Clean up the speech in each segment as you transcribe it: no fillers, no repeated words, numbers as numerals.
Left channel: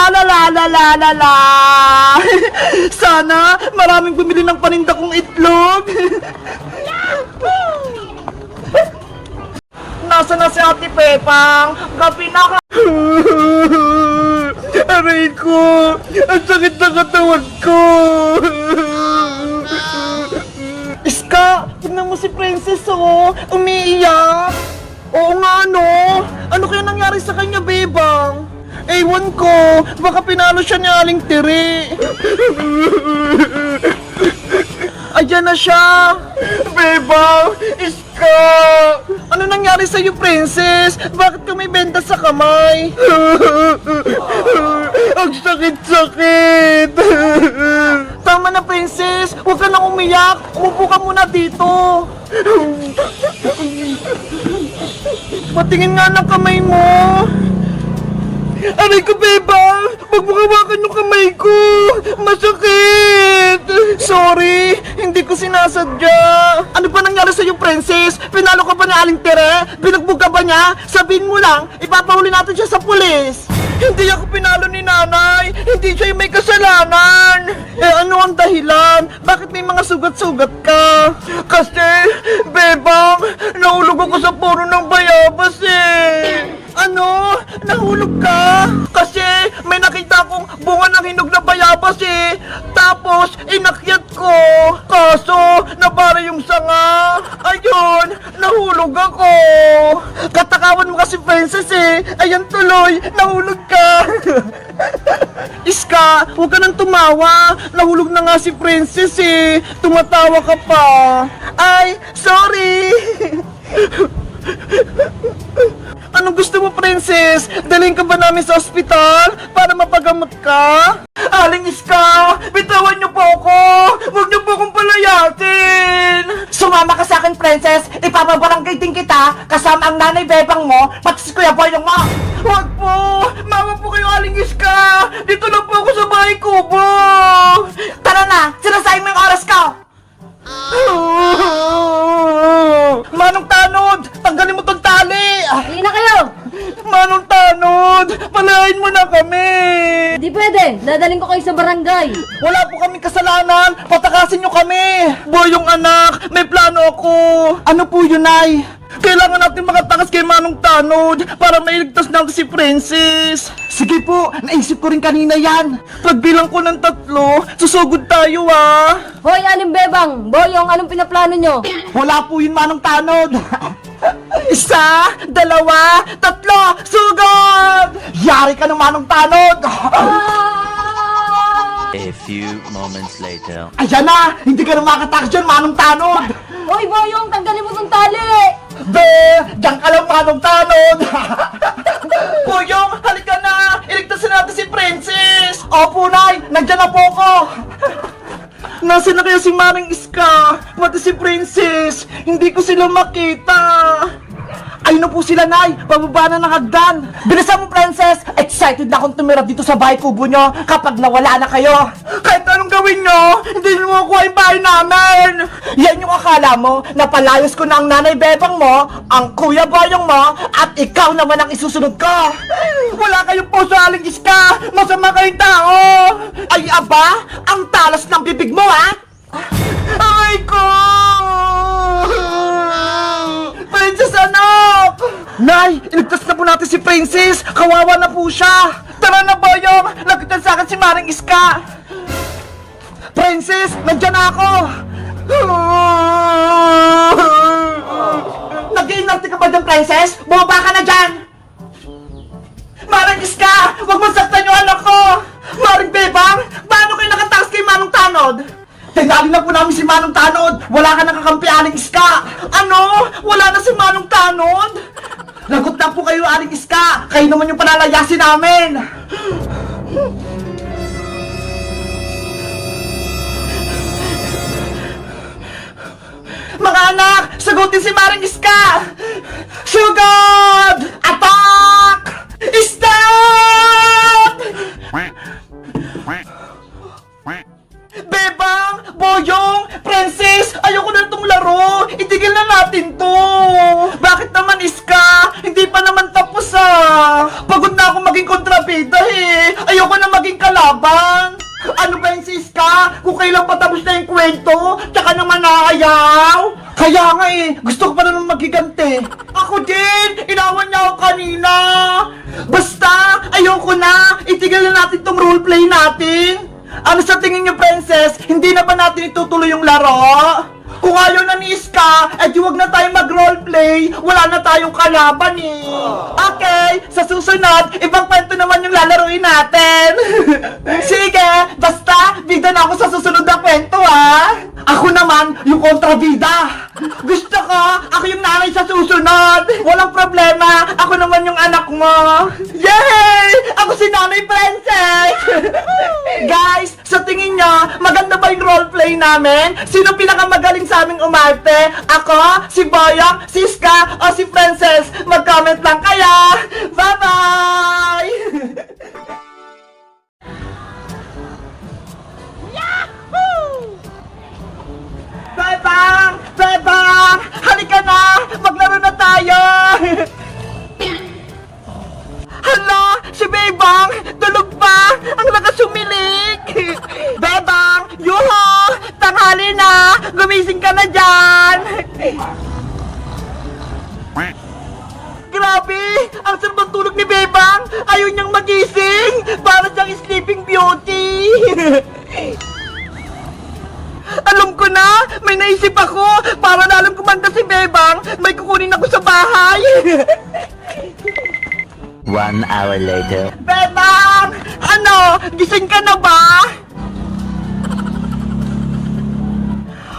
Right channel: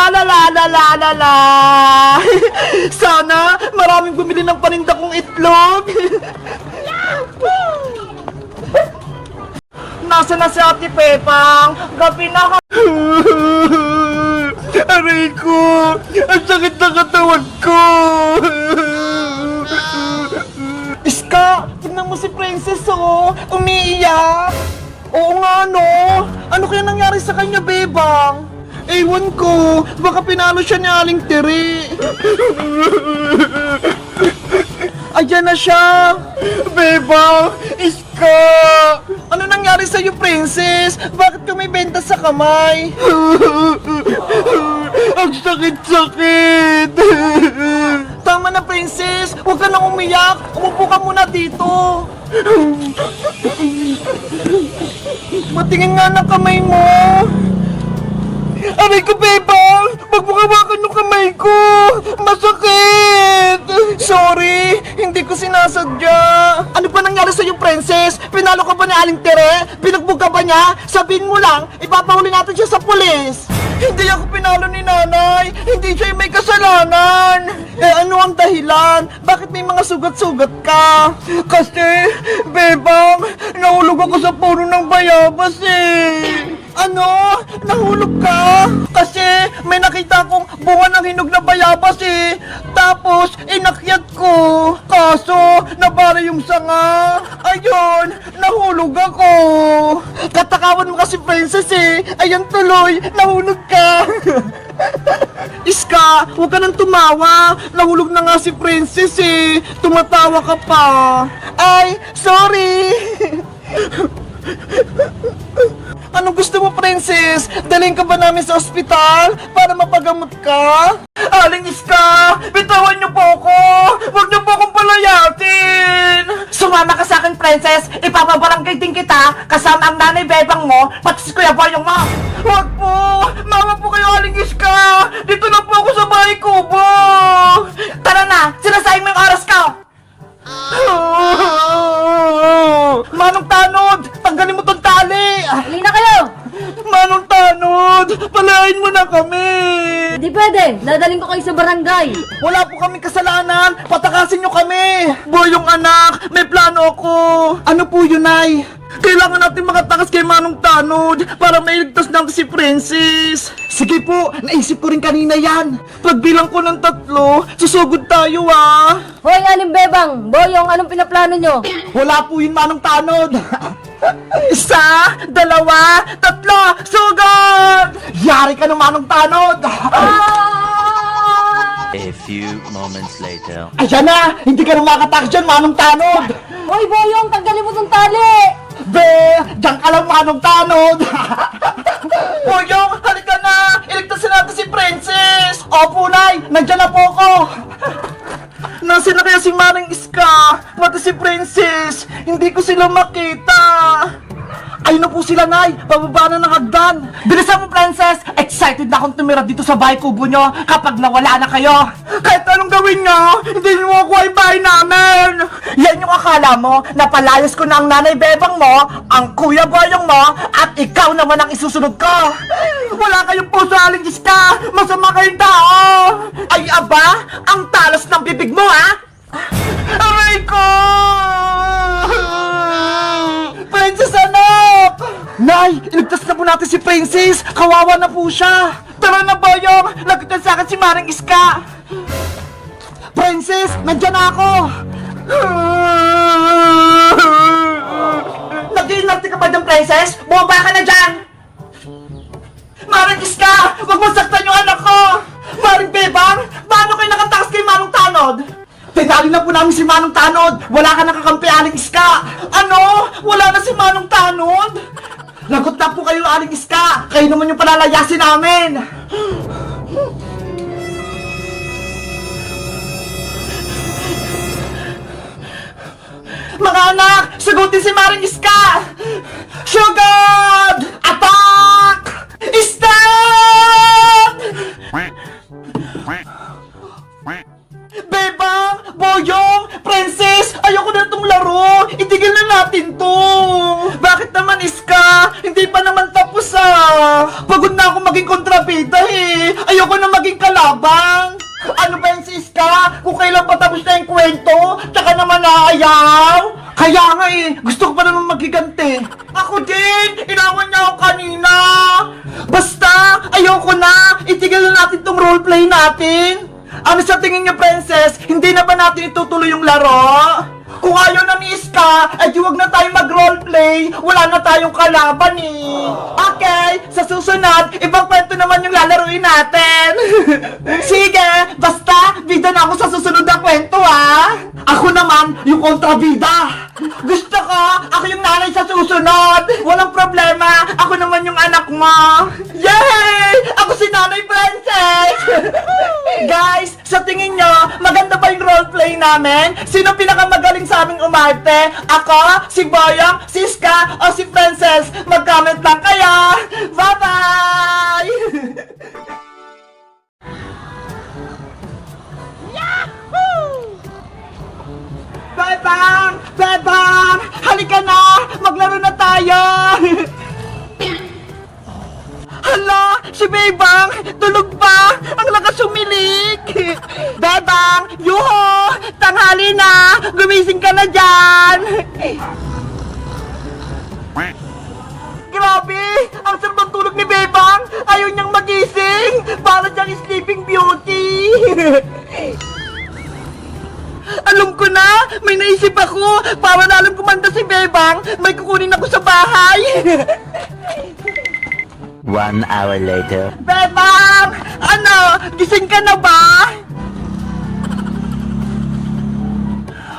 La la la la la la la. Sana maraming bumili ng paninda kong itlog. Nasa na si Ate Pepang? Gabi na ka. Aray ko! Ang sakit na katawan ko! Iska! Tignan mo si Princess, oh! Umiiyak! Oo nga, no? Ano kaya nangyari sa kanya, Bebang? Ewan ko! Baka pinalo siya ni Aling Tiri! Ayan na siya! Bebang! Iska! Ano nangyari sa'yo, Princess? Bakit ka may benta sa kamay? Ang sakit-sakit! Tama na, Princess! Huwag ka nang umiyak! Umupo ka muna dito! Patingin nga ng kamay mo! Aray ko, Bebang! Huwag mo hawakan yung kamay ko! Masakit! Sorry! Hindi ko sinasadya! Ano ba nangyari sa'yo, Princess? Pinalo ka ba ni Aling Tere? Binugbog ka ba niya? Sabihin mo lang, ipapahuli natin siya sa pulis! Hindi ako pinalo ni Nanay! Hindi siya yung may kasalanan! Eh ano ang dahilan? Bakit may mga sugat-sugat ka? Kasi, Bebang, nahulog ako sa puno ng bayabas eh! Ano? Nahulog ka? Kasi may nakita akong bunga ng hinog na bayabas eh. Tapos, inakyat ko. Kaso, nabara yung sanga. Ayun, nahulog ako. Katakawan mo kasi, Princess eh. Ayan tuloy, nahulog ka. Iska, huwag ka nang tumawa. Nahulog na nga si Princess eh. Tumatawa ka pa. Ay, sorry. Anong gusto mo, Princess? Dalhin ka ba namin sa ospital para mapagamot ka? Aling Iska, bitawan niyo po ako! Huwag niyo po akong palayatin! Sumama ka sa akin, Princess! Ipapabarangay din kita kasama ang nanay Bebang mo pati si Kuya Boyong mo! Huwag po! Mama po kayo, Aling Iska! Dito lang po ako sa bahay kubo! Tara na! Sinasayang mo yung oras ka! Manong Tanod! Tanggalin mo tong tali! Hindi na kayo! Manong Tanod! Palayain mo na kami! Hindi pwede! Dadaling ko kayo sa barangay! Wala po kaming kasalanan! Patakasin nyo kami! Boyong anak, may plano ako! Ano po yun, Nay? Kailangan natin makatakas kay Manong Tanod para mailigtas natin si Princess. Sige po, naisip ko rin kanina yan. Pagbilang ko ng 3, susugod tayo ah. Hoy, Aling Bebang! Boyong, anong pinaplano nyo? Wala po yun, Manong Tanod. 1, 2, 3, sugod! Yari ka ng Manong Tanod. A few moments later. Ayan na, hindi ka na makatakas dyan, Manong Tanod. Hoy, Boyong! Tanggalin mo tong tali! Be, diyan ka lang, Manong Tanod. Boyong, halika na. Iligtasin natin si Princess. Opo, Nay, nandyan na po ako. Nasaan na kaya si Manang Iska? Pati si Princess. Hindi ko sila makita. Ayun na po sila, Nay. Pababa na ng hagdan. Bilisan mo, Princess. Excited na akong tumira dito sa bahay kubo nyo kapag nawala na kayo. Kahit anong gawin nyo, hindi nyo makuha yung bahay namin. Yan yung akala mo na palayos ko na ang nanay Bebang mo, ang Kuya Boyong mo, at ikaw naman ang isusunod ko. Wala kayong puso, Aling Iska. Masama kayong tao. Ay, aba, ang talas ng bibig mo, ha? Aray ko! Princess, anak! Nay, iligtas na po natin si Princess. Kawawa na po siya. Tara na, Boyong. Lapitan sa akin si Manang Iska. Princess, nandyan na ako. Nag-iinarte ka ba dyan, Princess? Bumaba ka na dyan. Manang Iska, huwag masaktan yung anak ko. Maring Bebang, paano kayo nakatakas kay Manong Tanod? Tinali na po namin si Manong Tanod. Wala ka nakakampi, Aling Iska. Ano? Wala na si Manong Tanod? Lagot na po kayo, Aling Iska. Kayo naman yung palalayasin namin. Mga anak, sagutin si Maring Iska. Sugod! Attack! Stop! Bebang! Boyong! Princess! Ayoko na itong laro! Itigil na natin to! Bakit naman, Iska? Hindi pa naman tapos ah! Pagod na ako maging kontrabida! kontrabida eh. Ayoko na maging kalaban. Ano ba yung siska? Kung kailan pa tapos na yung kwento, tsaka naman naayaw. Kaya nga eh, gusto ko pa naman magiganti. Ako din, inawan niya ako kanina. Basta, ayoko na. Itigil na natin tong roleplay natin. Ano sa tingin niyo, princess? Hindi na ba natin itutuloy yung laro? Kung ayaw na ni Iska, eh di wag na tayo mag-roleplay. Wala na tayong kalaban eh. Okay, sa susunod, ibang kwento naman yung lalaruin natin. Sige, basta, bida na ako sa susunod na kwento ah. Ako naman, yung kontrabida. Gusto ko, ako yung nanay sa susunod. Walang problema, ako naman yung anak mo. Yay! Ako si Nanay Princess! Guys, sa tingin nyo, maganda ba yung roleplay namin? Sino pinakamagaling sa aming umarte? Ako, si Boyong, si Iska, o si Princess? Mag-comment lang kayo! Bye-bye! Bebang! Bebang! Halika na! Maglaro na tayo! Hala! Si Bebang! Tulog pa! Ang lakas sumilik! Bebang! Yuho! Tanghali na! Gumising ka na dyan! Grabe! Ang sarap ng tulog ni Bebang! Ayaw niyang magising! Para siyang sleeping beauty! Alam ko na! May naisip ako! Para na alam kumanda si Bebang, may kukunin ako sa bahay! 1 hour later. Bebang! Ano? Gising ka na ba?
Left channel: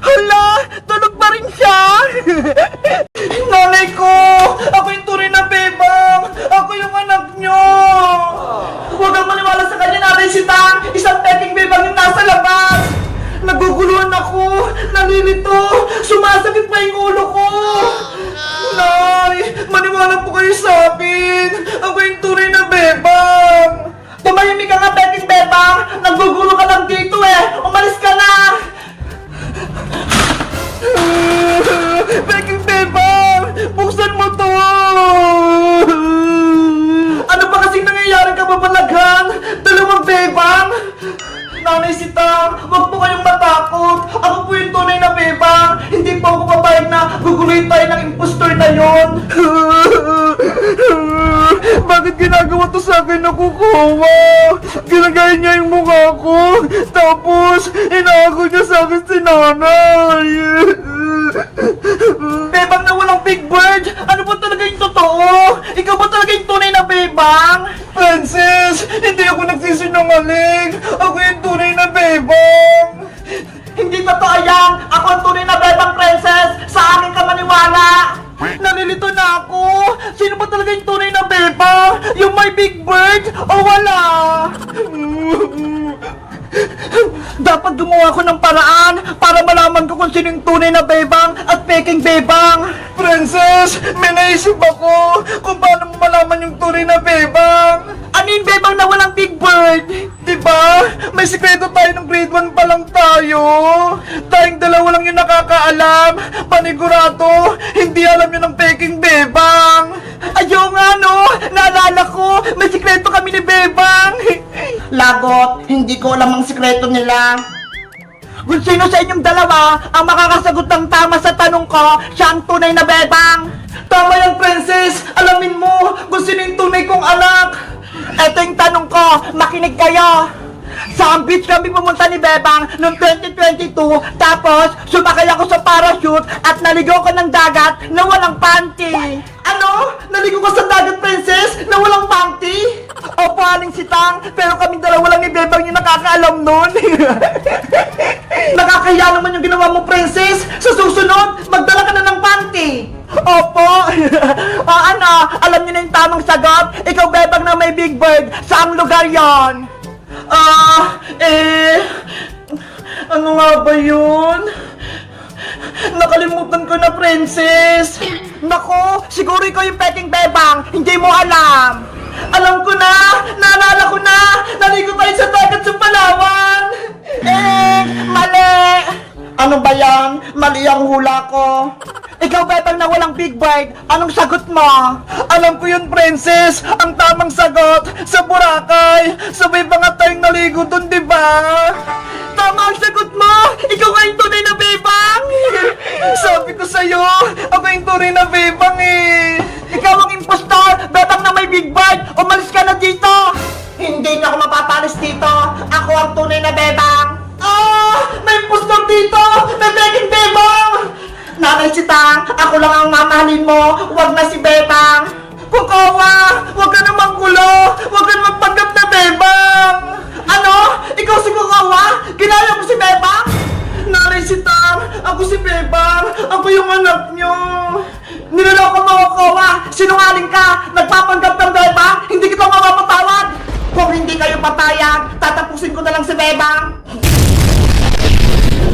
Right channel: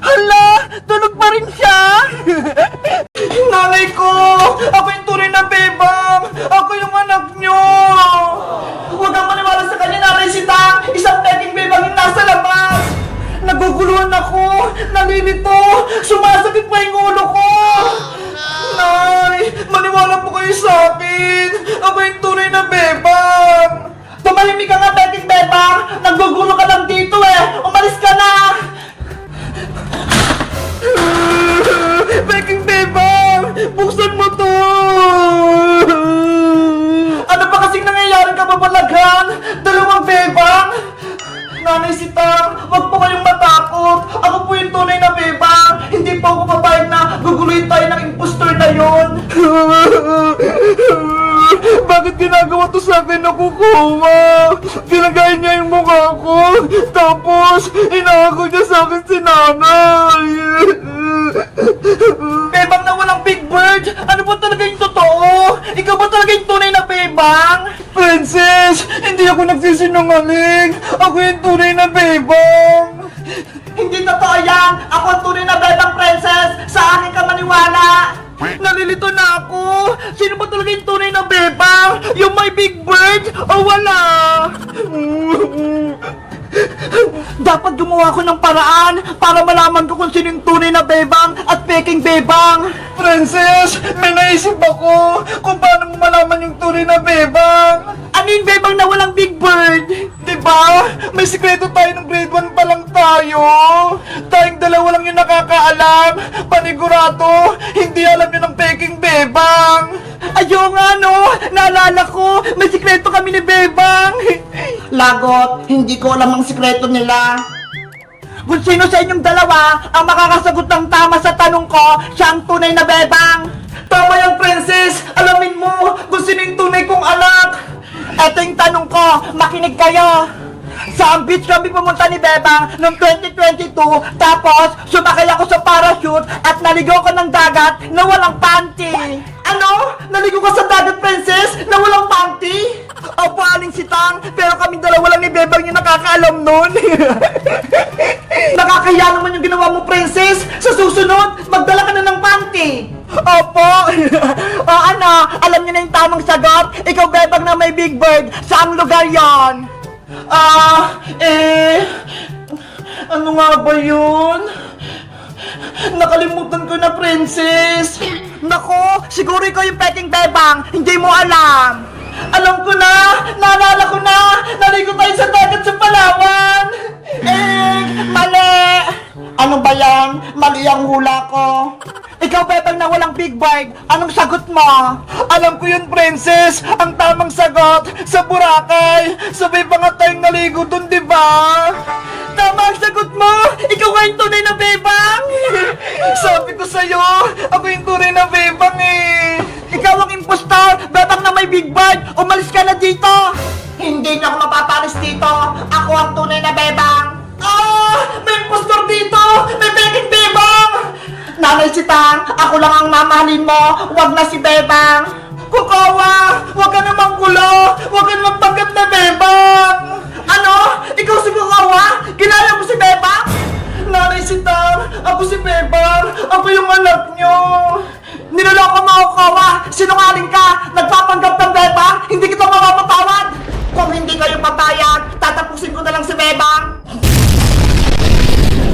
Hala! Tulog pa rin siya! Nanay ko! Ako yung tunay na Bebang! Ako yung anak nyo! Huwag kang maniwala sa kanya, Nanay Sitang! Isang peking Bebang yung nasa labas! Naguguluhan ako! Nalilito! Sumasakit pa yung ulo ko! Nay! Maniwala po kayo sa akin! Ako yung tunay na Bebang! Tumahimik ka nga, peking Bebang! Nagugulo ka lang dito eh! Umalis ka na! Peking Bebang! Buksan mo to! Ano ba kasing nangyayari ka babalaghan? Dalawang Bebang! Nanay Sitang, wag po kayong matakot. Ako po yung tunay na Bebang. Hindi po ako papayag na guguluhin tayo ng impostor na yon. Bakit ginagawa to sa akin, nakukuha? Ginagaya niya yung mukha ko. Tapos, inaako niya sa akin si nanay. Bebang na walang big bird! Ano ba talaga yung totoo? Ikaw ba talaga yung tunay na Bebang? Princess! Hindi ako nagsisinungaling! Ako yung tunay na Bebang! Hindi totoo yan! Ako ang tunay na Bebang, Princess! Sa akin ka maniwala! Nalilito na ako! Sino ba talaga yung tunay na Bebang? Yung may big bird o wala? Dapat gumawa ko ng paraan para malaman ko kung sino yung tunay na Bebang at peking Bebang. Princess, may naisip ako kung paano mo malaman yung tunay na Bebang. Ano yung Bebang na walang big bird? Diba? May sikreto tayo ng grade 1 pa lang tayo. Tayong dalawa lang yung nakakaalam. Panigurado, hindi alam yun ng peking Bebang. Ayaw nga no, naalala ko, may sikreto kami ni Bebang. Lagot, hindi ko alam ang sikreto nila. Kung sino sa inyong dalawa ang makakasagot ng tama sa tanong ko, siya ang tunay na Bebang. Tama yung Princess, alamin mo kung sino yung tunay kong anak. Eto yung tanong ko, makinig kayo. Sa beach kami pumunta ni Bebang noong 2022, tapos sumakay ako sa parachute at naligaw ko ng dagat na walang panty. Ano? Naligaw ka sa dagat, Princess, na walang panty? Opo, Aling Sitang, pero kaming dalawa lang ni Bebang yung nakakaalam nun. Nakakaya naman yung ginawa mo, Princess. Sa susunod, magdala ka na ng panty. Opo. O ano, alam niyo na yung tamang sagot? Ikaw, Bebang, na may big bird. Saang lugar yon? Ano nga ba yun? Nakalimutan ko na, Princess. Nako, siguro ikaw yung peking Bebang. Hindi mo alam. Alam ko na, naalala ko na. Naligo tayo sa dagat sa Palawan. Mali. Ano ba yan? Mali ang hula ko. Ikaw, Bebang, na walang big bite, anong sagot mo? Alam ko yun, Princess. Ang tamang sagot, sa Boracay. Sabay pa nga tayong naligo dun, di ba? Tama ang sagot mo! Ikaw nga yung tunay na Bebang! Sabi ko sa'yo, ako yung tunay na Bebang eh! Ikaw ang impostor! Bebang na may big bite! Umalis ka na dito! Hindi na ako mapapalis dito! Ako ang tunay na Bebang! Ah! May impostor dito! May beking Bebang! Nanay Sitang, ako lang ang mamahalin mo! Huwag na si Bebang! Kukawa! Huwag ka namang gulo! Huwag ka magpanggap na Bebang! Ano? Ikaw si Kukawa? Ginaya mo si Bebang? Nanay Sitang, ako si Bebang! Ako yung anak nyo! Niloloko mo, Kukawa! Sinungaling ka! Nagpapanggap ng Bebang! Hindi kita mapapatawad! Kung hindi kayo papayag, tatapusin ko na lang si Bebang!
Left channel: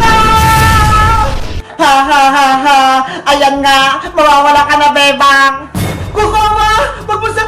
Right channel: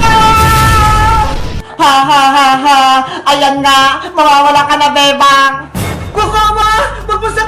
Ah! Ha ha ha ha! Ayan nga! Mawawala ka na, Bebang! Kukawa! Huwag mo siya